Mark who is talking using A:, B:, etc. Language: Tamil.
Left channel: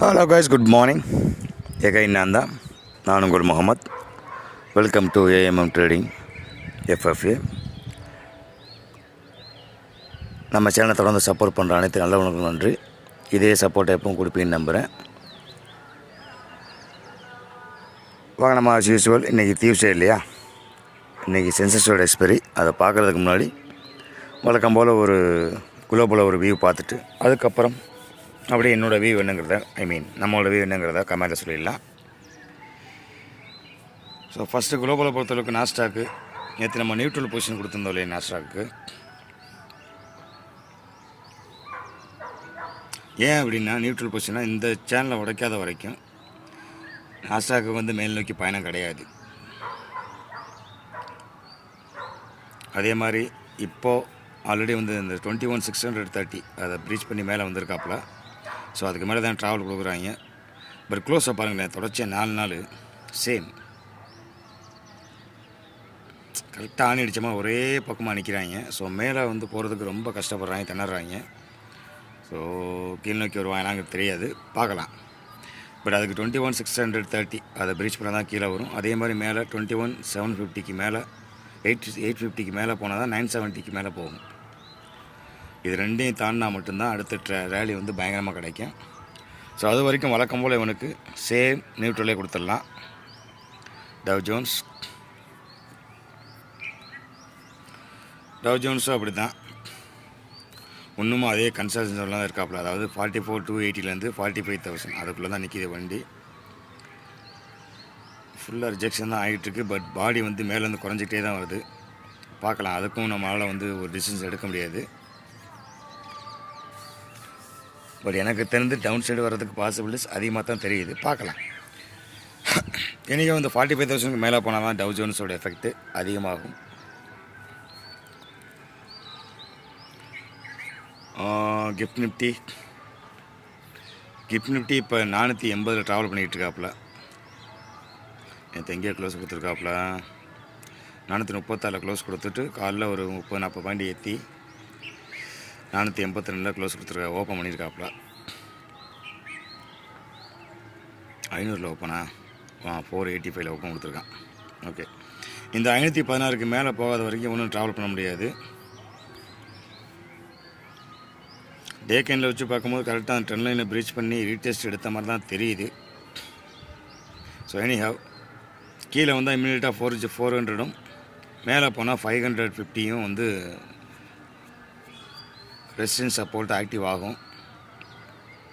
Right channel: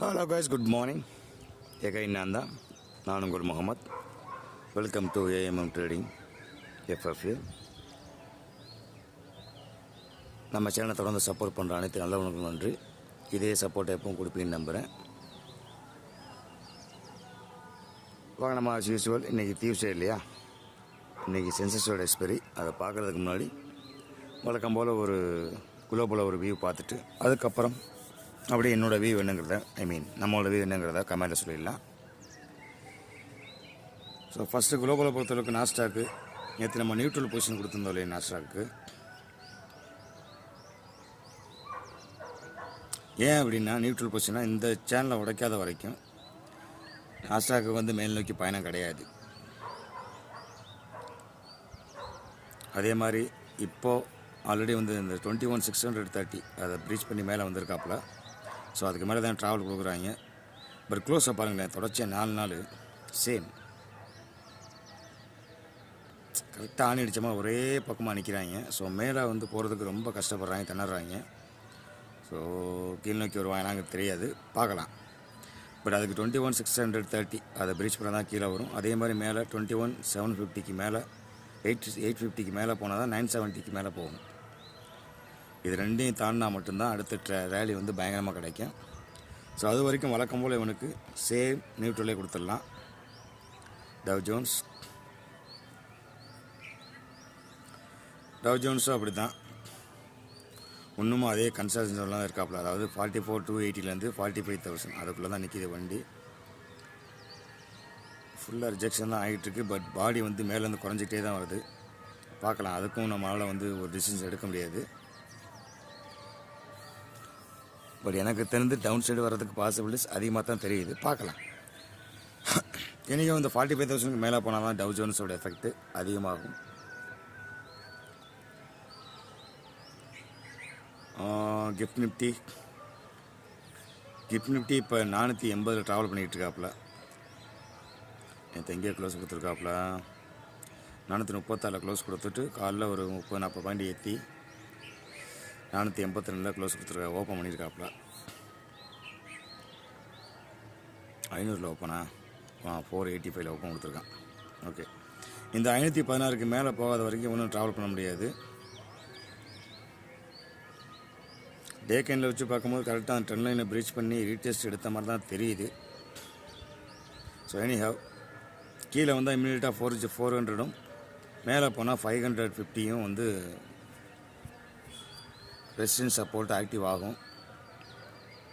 A: ஹலோ கைஸ் குட் மார்னிங் எகை நான் தான் நான் உங்கள் Mohammed. Welcome to AMM trading FFA நம்ம சேனலை தொடர்ந்து சப்போர்ட் பண்ணுற அனைத்து நல்லவனுக்கும் நன்றி. இதே சப்போர்ட் எப்பவும் கொடுப்பீங்கன்னு நம்புகிறேன் வாங்க நம்ம ஆஸ் யூஸ்வல் இன்றைக்கி டியூஸ்டே இல்லையா? இன்றைக்கி சென்சஸோட எக்ஸ்பெரி அதை பார்க்குறதுக்கு முன்னாடி வழக்கம் போல் ஒரு குளோபுல ஒரு வியூ பார்த்துட்டு அதுக்கப்புறம் அப்படியே என்னோடய வியூ என்னங்கிறத ஐ மீன் நம்மளோட வியூ என்னங்கிறத கமெண்ட்டில் சொல்லிடலாம். ஸோ ஃபஸ்ட்டு குளோபலை பொறுத்தளவுக்கு நாஸ்டாக்கு நேற்று நம்ம நியூட்ரல் பொசிஷன் கொடுத்துருந்தோம் இல்லையா நாஸ்டாக்கு ஏன் அப்படின்னா நியூட்ரல் பொசிஷனாக இந்த சேனலை உடைக்காத வரைக்கும் நாஸ்டாக்கு வந்து மேல் நோக்கி பயணம் கிடையாது. அதே மாதிரி இப்போது ஆல்ரெடி வந்து இந்த twenty one six hundred thirty அதை ப்ரீச் பண்ணி மேலே வந்திருக்காப்புல ஸோ அதுக்கு மேலே தான் ட்ராவல் கொடுக்குறாங்க. பட் க்ளோஸாக பாருங்களேன் தொடர்ச்சியாக நாலு நாள். சேம் கரெக்டாக ஆணி அடிச்சமா ஒரே பக்கமாக நிற்கிறாங்க ஸோ மேலே வந்து போகிறதுக்கு ரொம்ப கஷ்டப்படுறாங்க திணறாங்க. ஸோ கீழ் நோக்கி வருவாங்களாங்க தெரியாது. பார்க்கலாம். பட் அதுக்கு twenty one six hundred thirty அதை பிரீச் பண்ணால் தான் கீழே வரும். அதே மாதிரி மேலே டுவெண்ட்டி ஒன் செவன் ஃபிஃப்டிக்கு மேலே எயிட் எயிட் ஃபிஃப்டிக்கு மேலே போனால் தான் நைன் செவன்ட்டிக்கு மேலே போகும். இது ரெண்டையும் தாண்டினா மட்டும்தான் அடுத்த ரேலி வந்து பயங்கரமாக கிடைக்கும். ஸோ அது வரைக்கும் வழக்கம் போல் இவனுக்கு சேம் நியூட்ரலே கொடுத்துடலாம். டவ் ஜோன்ஸ் டவ் ஜோன்ஸும் அப்படி தான் இன்னமும் அதே கன்சல்டன்ஸில் தான் இருக்காப்புல. அதாவது ஃபார்ட்டி ஃபோர் டூ எயிட்டிலேருந்து ஃபார்ட்டி ஃபைவ் தௌசண்ட் அதுக்குள்ளே தான் நிற்கிது வண்டி. ஃபுல்லாக ரிஜெக்ஷன் தான் ஆகிட்டுருக்கு பட் பாடி வந்து மேலேருந்து குறைஞ்சிக்கிட்டே தான் வருது. பார்க்கலாம். அதுக்கும் நம்மளால் வந்து ஒரு டிசிஷன்ஸ் எடுக்க முடியாது. பட் எனக்கு தெரிந்து டவுன் சைடு வர்றதுக்கு பாசிபிலிட்டிஸ் அதிகமாக தான் தெரியுது. பார்க்கலாம். இன்றைக்கும் வந்து ஃபார்ட்டி ஃபைவ் தௌசண்ட்க்கு மேலே போனால் தான் டவு ஜோன்ஸோட எஃபெக்ட் அதிகமாகும். கிஃப்ட் நிஃப்டி கிஃப்ட் நிஃப்டி இப்போ நானூற்றி எண்பதில் ட்ராவல் பண்ணிகிட்டு இருக்காப்புல நேற்று எங்கேயோ க்ளோஸ் கொடுத்துருக்காப்புல. நானூற்றி முப்பத்தாறில் க்ளோஸ் கொடுத்துட்டு காலைல ஒரு முப்பது நாற்பது பாயிண்ட் ஏற்றி நானூற்றி எண்பத்தி ரெண்டில் க்ளோஸ் கொடுத்துருக்கா ஓப்பன் பண்ணியிருக்காப்புல. ஐநூறில் ஓப்பனா ஆ? ஃபோர் எயிட்டி ஃபைவ்ல ஓப்பன் கொடுத்துருக்கான். ஓகே இந்த ஐநூற்றி பதினாறுக்கு மேலே போகாத வரைக்கும் ஒன்றும் ட்ராவல் பண்ண முடியாது. டே கேனில் வச்சு பார்க்கும்போது கரெக்டாக அந்த ட்ரெண்ட் லைனை ப்ரீச் பண்ணி ரீடெஸ்ட் எடுத்த மாதிரி தான் தெரியுது. ஸோ எனி ஹவ் கீழே வந்தால் இம்மிடியட்டாக ஃபோர் ஃபோர் ஹண்ட்ரடும் மேலே போனால் ஃபைவ் ஹண்ட்ரட் ஃபிஃப்டியும் வந்து ரெசிஸ்டன்ஸ் சப்போர்ட் ஆக்டிவ் ஆகும்.